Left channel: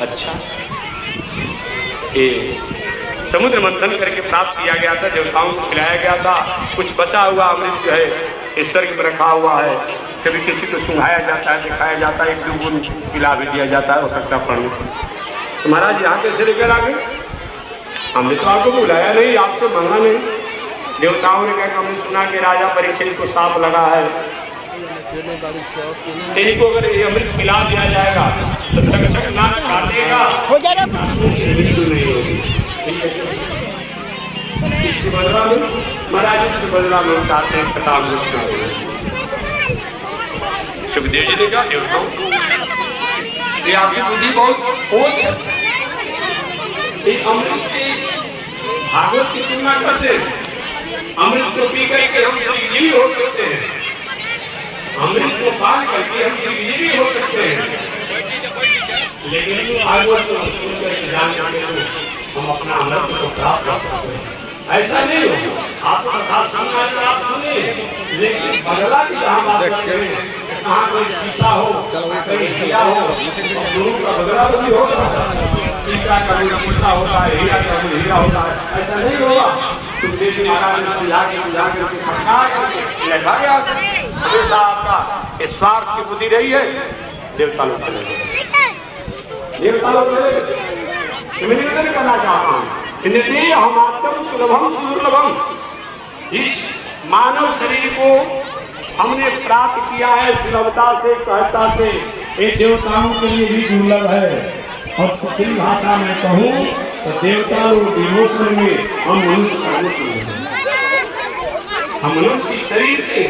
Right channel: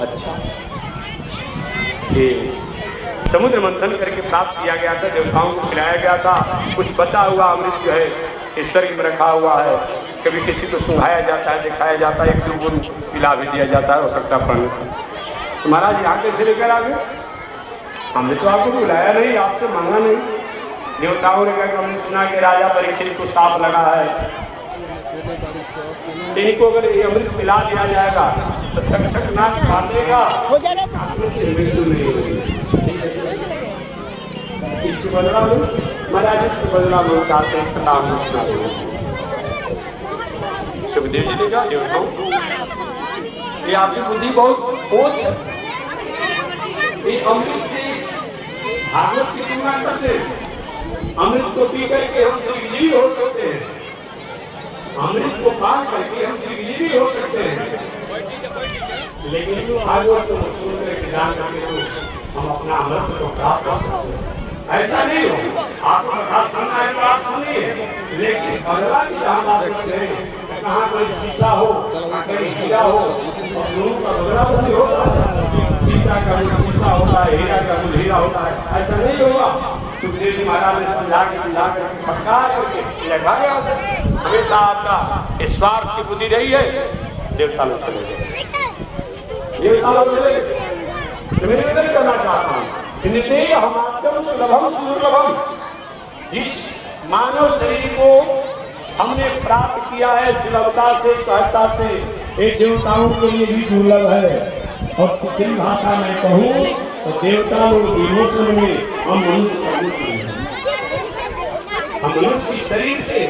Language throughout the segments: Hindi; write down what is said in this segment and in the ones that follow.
अच्छा, ये समुद्र मंथन करके प्राप्त किया गया था, देवताओं को खिलाया गया था। कुछ बचा हुआ अमृत जो है इस स्वर्ग में रखा हुआ है। कभी किसी को सुनाया जाता है, दिखाया जाता है, एक दो गुण पिला भी दिया जाता है, हो सकता है पढ़ने। तो महाराज यहाँ कैसे लेकर आ गए? हमने तो आपको बुलाया नहीं, आपसे मंगा नहीं। देवताओं ने क्या हमने सुना कि राजा परीक्षित को सांप लगा है, तेरी को अगर ये अमृत पिला दिया जाएगा तो तक्षक नाक काटेगा, हो जाएगा। मृत्यु नहीं होगी। इसके बदला में महाराज, इसके बदला में चाहते हैं कथा सुखदेव जी ने कहा देवताओं ये आपकी बुद्धि बहुत खोज है, अमृत से भागवत की तुलना करते हैं। अमृत को पी करके हम जीवी हो सकते हैं, अमृत को पान करके हम जीवी हो सकते हैं, लेकिन भागवत को सुनकर हम अपना अमृत को प्राप्त कर सकते हैं। ऐसा नहीं हो, आप सुनिए, लेकिन बदला की जहाँ बात करते हैं, कहाँ कोई शीशा हो, कहीं हीरा हो, लोगों का बदला भी होगा। शीशा का शीशा होता है, हीरा का हीरा होता है, ऐसा नहीं होगा। सुखदेव जी महाराज ने समझा के लगा गया। हमेशा आपका स्वार्थ की बुद्धि रही है, देवता लोग चले गए, देवता लोग चले गए। मैं निवेदन करना चाहता हूँ, हम आपको सुलभम सुलभम, इस मानव शरीर को हमने प्राप्त किया है सुलभता से, सहजता से, ये देवताओं के लिए भी दुर्लभ है। और दूसरी भाषा में कहूँ तो देवता विमोचन में हम मनुष्य, हम मनुष्य शरीर से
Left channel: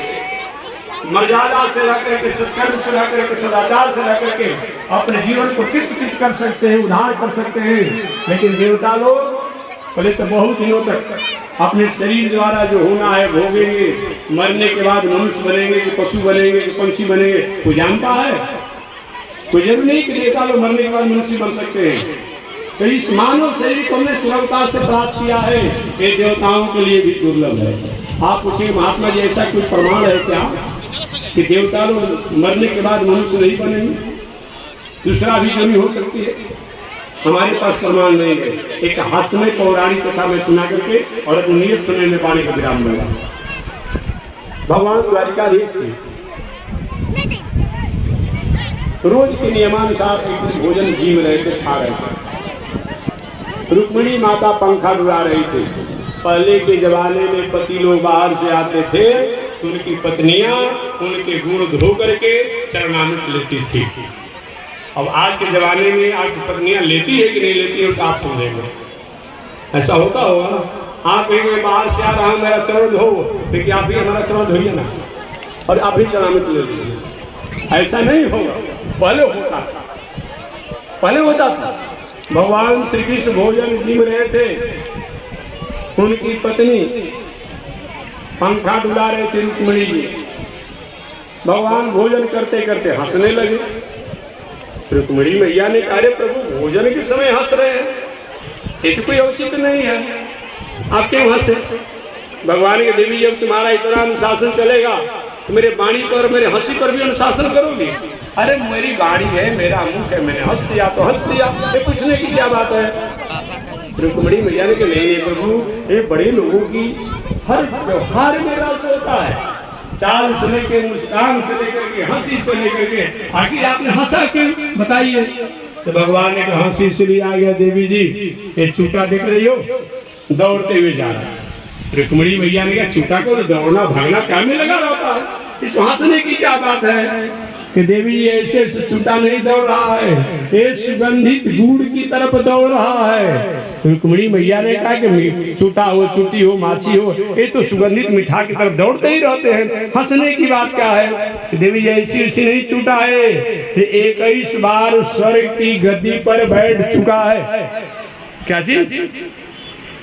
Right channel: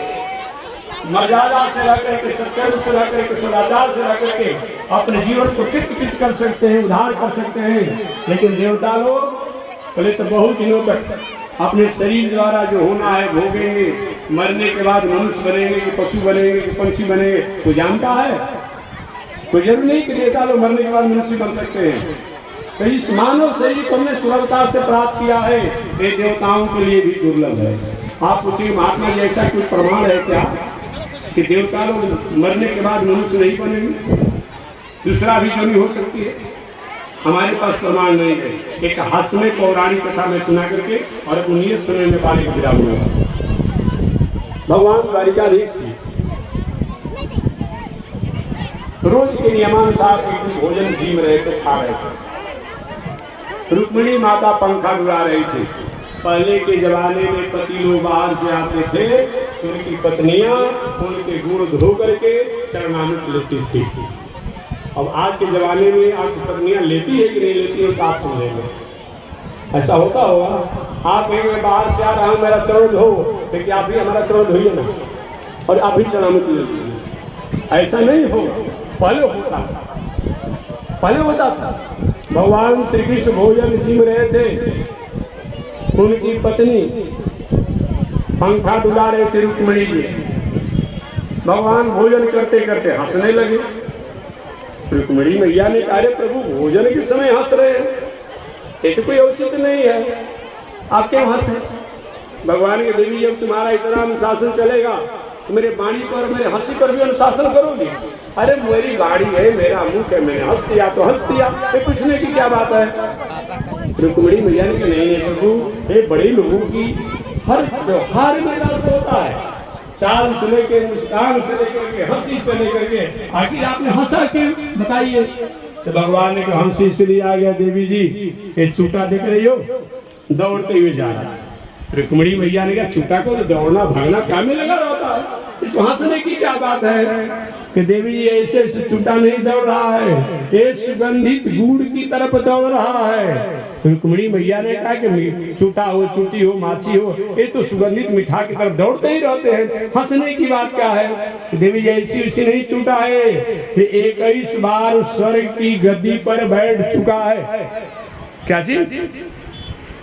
मर्यादा से रह करके, सत्कर्म से रह करके, सदाचार से रह करके अपने जीवन को कृत कर सकते हैं, उद्धार कर सकते हैं। लेकिन देवता लोग पहले तो बहुत दिनों तक अपने शरीर द्वारा जो होना है भोगेंगे, मरने के बाद मनुष्य बनेंगे कि पशु बनेंगे कि पंछी बनेंगे, कोई जानता है? कोई जरूरी नहीं कि देवता लोग मरने के बाद मनुष्य बन सकते हैं। तो इस मानव शरीर को हमने सुलभता से प्राप्त किया है, ये देवताओं के लिए भी दुर्लभ है। आप पूछिए महात्मा जी, ऐसा कोई प्रमाण है क्या कि देवता लोग मरने के बाद मनुष्य नहीं बनेंगे? दूसरा भी जरूरी हो सकती है, हमारे पास प्रमाण नहीं है। एक हास्य पौराणिक कथा में सुना करके और नियत सुनने में पाने का विराम हुआ। भगवान द्वारिकाधीश की रोज के नियमानुसार भोजन जी में रहते, खा रहे थे। रुक्मिणी माता पंखा डुला रही थी। पहले के जमाने में पति लोग बाहर से आते थे तो उनकी पत्नियां उनके गुण धो करके चरणामृत लेती थी। अब आज के जमाने में आज पत्नियां लेती है कि नहीं लेती है तो आप समझेंगे। ऐसा होता होगा, आप कहेंगे बाहर से आ रहा हूँ मेरा चरण धो, लेकिन आप भी हमारा चरण धोइए ना और आप भी चरणामृत ले लीजिए। ऐसा नहीं हो, पहले होता था, पहले होता था। भगवान श्री कृष्ण भोजन जीव रहे थे, उनकी पत्नी पंखा डुला रहे थे रुक्मिणी जी। भगवान भोजन करते करते हंसने लगे। रुक्मिणी मैया ने कहा प्रभु भोजन के समय हंस रहे हैं, ये तो कोई औचित्य नहीं है, आप क्यों हंसे? भगवान के देवी जब तुम्हारा इतना अनुशासन चलेगा तो मेरे वाणी पर, मेरे हंसी पर भी अनुशासन करोगे? अरे मेरी वाणी है, मेरा मुख है, मैंने हंस दिया तो हंस दिया, ये पूछने की क्या बात है? रुक्मिणी मैया ने कहा नहीं प्रभु, ये बड़े लोगों की हर व्यवहार में रस होता है, चाल से लेकर, मुस्कान से लेकर के, हंसी से लेकर के, आखिर आपने हंसा क्यों बताइए? तो भगवान ने कहा हंसी इसलिए आ गया देवी जी, ये चूटा देख रही हो दौड़ते हुए जा रहा है। रुक्मिणी मैया ने कहा चूटा को दौड़ना भागना क्या में लगा रहता है, इस हंसने की क्या बात है? कि देवी ऐसे चूटा नहीं दौड़ रहा है, ये सुगंधित गुड़ की तरफ दौड़ रहा है। रुक्मिणी मैया ने कहा कि चूटा हो, चूटी हो, माछी हो, ये तो सुगंधित मिठा की तरफ दौड़ते ही रहते हैं, हंसने की बात क्या है? देवी ऐसी ऐसी नहीं चूटा है, ये 21 बार स्वर्ग की गद्दी पर बैठ चुका है। क्या चीज?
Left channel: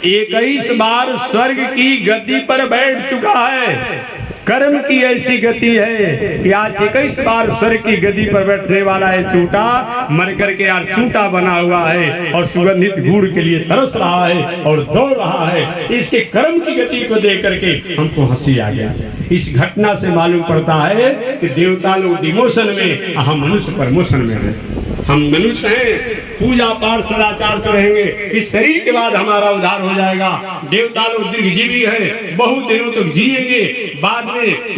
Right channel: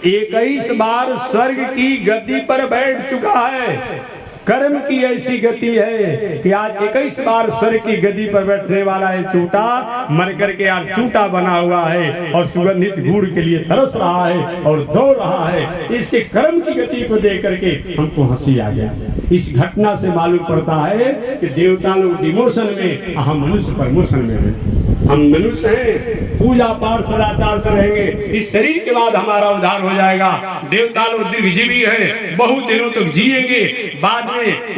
21 बार स्वर्ग की गद्दी पर बैठ चुका है। कर्म की ऐसी गति है कि आज 21 बार स्वर्ग की गद्दी पर बैठने वाला है चूटा, मर करके आज चूटा बना हुआ है और सुगंधित गुड़ के लिए तरस रहा है और दौड़ रहा है। इसके कर्म की गति को देख करके हमको हंसी आ गया। इस घटना से मालूम पड़ता है कि देवता लोग डिमोशन में, हम मनुष्य प्रमोशन में हैं। हम मनुष्य हैं, पूजा पाठ सदाचार से रहेंगे, इस शरीर के बाद हमारा उद्धार हो जाएगा। देवता लोग दीर्घजीवी है, बहुत दिनों तक जिएंगे, बाद में